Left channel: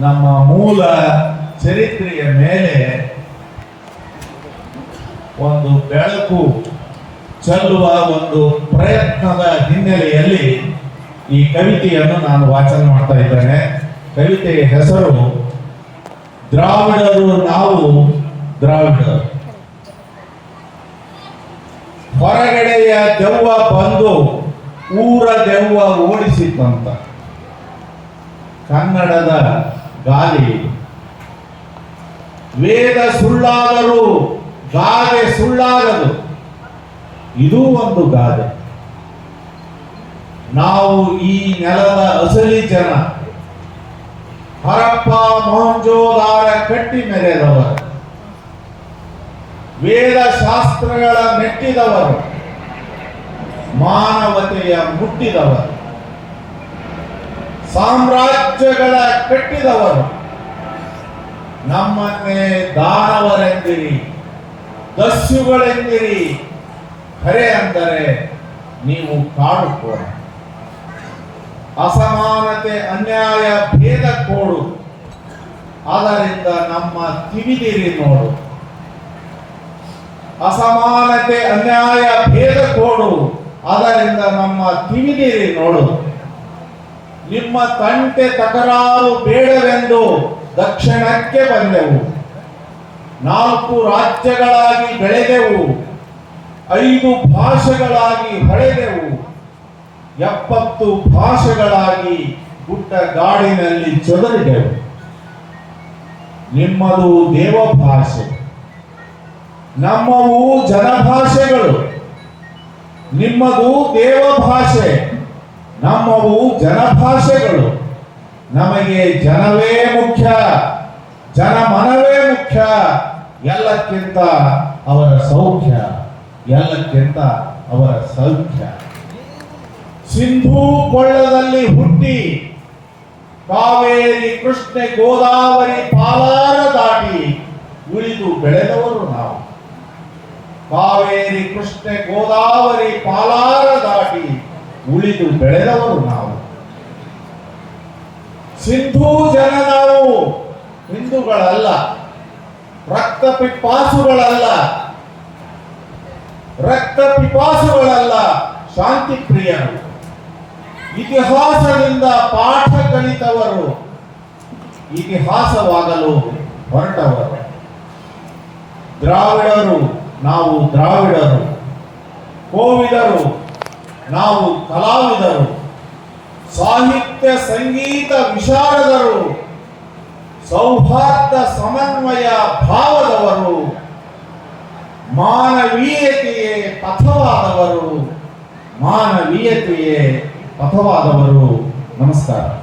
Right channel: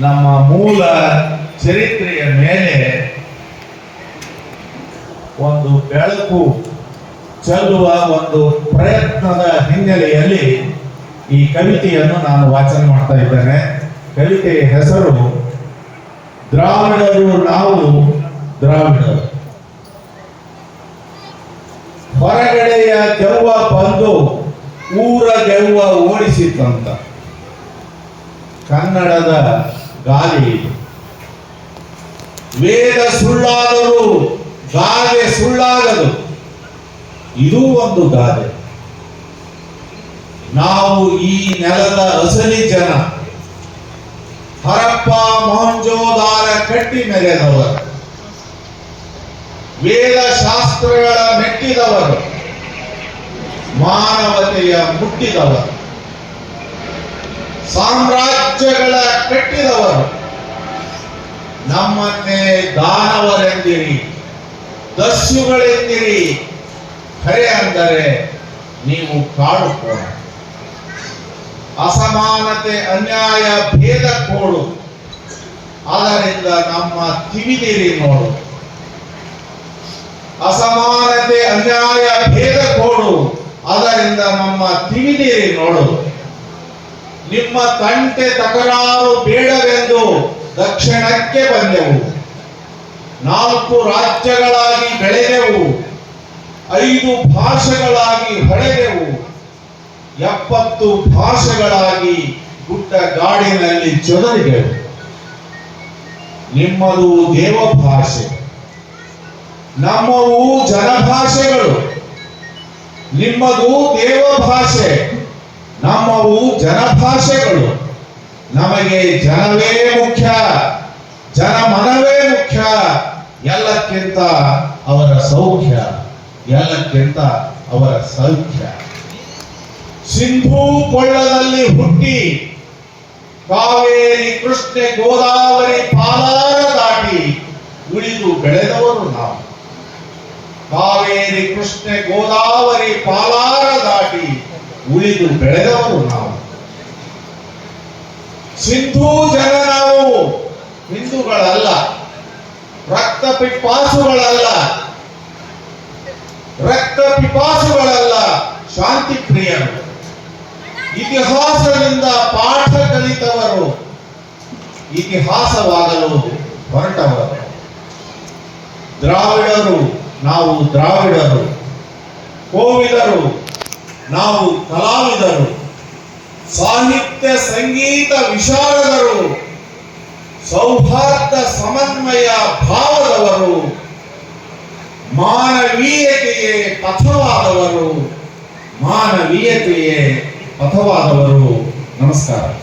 ನಮ್ಮ ಮೂಲ ಚರಿತ್ರೆಯ ಮೇಲೆ ಒಂದು ಬೆಳಕು ಚೆಲ್ಲುವ ಒಂದು ಪ್ರಯತ್ನದ ಹಿನ್ನೆಲೆಯಲ್ಲಿ ಈ ಕವಿತೆಯನ್ನು ನಾನು ವಾಚನ ಮಾಡ್ತಾ ಇದ್ದೇನೆ. ಕವಿತೆಯ ಹೆಸರು ದ್ರಾವಿಡರು ನಾವು ದ್ರಾವಿಡರು. ಹೊರಗಡೆಯ ದೆವ್ವ ಬಂದು ಊರ ದೆವ್ವ ಓಡಿಸಿತ್ತಂತ. ಕನ್ನಡದ ಗಾಲಿ. ವೇದ ಸುಳ್ಳಾದರೂ ಗಾದೆ ಸುಳ್ಳಾಗದು. ಇದು ಒಂದು ಗಾದೆ. ನಾವು ಈ ನೆಲದ ಅಸಲಿ ಜನ. ಹರಪ್ಪ ಮೊಹಂಜೋದಾರ ಕಟ್ಟಿ ಮೆರೆದವರು. ವೇದ ಶಾಸ್ತ್ರಗಳ ಮೆಟ್ಟಿದವರು. ಮಾನವತೆಯ ಮುಟ್ಟಿದವರು. ಸಾಮ್ರಾಜ್ಯಗಳ ಕಟ್ಟಿದವರು. ನಮ್ಮನ್ನೇ ದಾನವರೆಂದಿರಿ ದಸ್ಯುಗಳೆಂದಿರಿ ಕರೆ ಅಂದರೆ ನೀವು ಕಾಡುಕೋಣ. ಅಸಮಾನತೆ, ಅನ್ಯಾಯ, ಭೇದ ಕೋಡು. ಆದ್ದರಿಂದ ನಮ್ಮ ತಿವಿದಿರಿ ನೋಡು. ಅಸಮಾನತೆ, ಅನ್ಯಾಯ, ಭೇದ ಕೋಡು. ಅದರಿಂದ ನಮ್ಮ ತಿವಿದಿರಿ ನೋಡು. ನಿಮ್ಮ ತಂಟೆ ತಕರಾರು ಬೇಡವೆಂದು ದಕ್ಷಿಣಕ್ಕೆ ಬಂದೆವು. ನಾಲ್ಕು ರಾಜ್ಯಗಳಾಗಿ ಬೆಳೆದೆವು. ಐದು ಭಾಷೆಗಳಾಗಿ ಹೊಳೆದೆವು. ಎಪ್ಪತ್ತು ಭಾಷೆಗಳಾಗಿ ಗುಡ್ಡ ಗಾಡಿನಲ್ಲಿ ಚೊದರಿದೆವು. ನಿಮ್ಮದು ದೇವ ಭಾಷೆ ನಮ್ಮವು ಜನಭಾಷೆಗಳು. ನಿಮ್ಮದು ದೇವ ಭಾಷೆ ನಮ್ಮವು ಜನಭಾಷೆಗಳು. ನಮಗೆ ಜನವೇ ಮುಖ್ಯ. ಜನ ಮನವೇ ಮುಖ್ಯ. ಎಲ್ಲಕ್ಕಿಂತ ಅವರ ಸೌಖ್ಯ. ಎಲ್ಲಕ್ಕಿಂತ ಅವರ ಸೌಖ್ಯ. ಸಿಂಧೂ ಕೊಳ್ಳದಲ್ಲಿ ಹುಟ್ಟಿ ಕಾವೇರಿ, ಕೃಷ್ಣ, ಗೋದಾವರಿ, ಪಾಲಾರ ದಾಟಿ ಉಳಿದು ಬೆಳೆದವರು ನಾವು. ಕಾವೇರಿ, ಕೃಷ್ಣ, ಗೋದಾವರಿ, ಪಾಲಾರ ಉಳಿದು ಬೆಳೆದವರು ನಾವು. ಸಿಂಧೂ ಜನ ನಾವು ಹಿಂದೂಗಳಲ್ಲ, ರಕ್ತ ಪಿಪಾಸುಗಳಲ್ಲ ರಕ್ತ ಪಿಪಾಸುಗಳಲ್ಲ ಶಾಂತಿ ಪ್ರಿಯರು. ಇತಿಹಾಸದಿಂದ ಪಾಠ ಕಲಿತವರು ಇತಿಹಾಸವಾಗಲು ಹೊರಟವರು. ದ್ರಾವಿಡರು, ನಾವು ದ್ರಾವಿಡರು. ಕೋವಿದರು ನಾವು ಕಲಾವಿದರು ಸಾಹಿತ್ಯ ಸಂಗೀತ ವಿಶಾರದರು ಸೌಹಾರ್ದ ಸಮನ್ವಯ ಭಾವದವರು ಮಾನವೀಯತೆಯೇ ಪಥವಾದವರು ಮಾನವೀಯತೆಯೇ ಪಥವಾದವರು. ನಮಸ್ಕಾರ.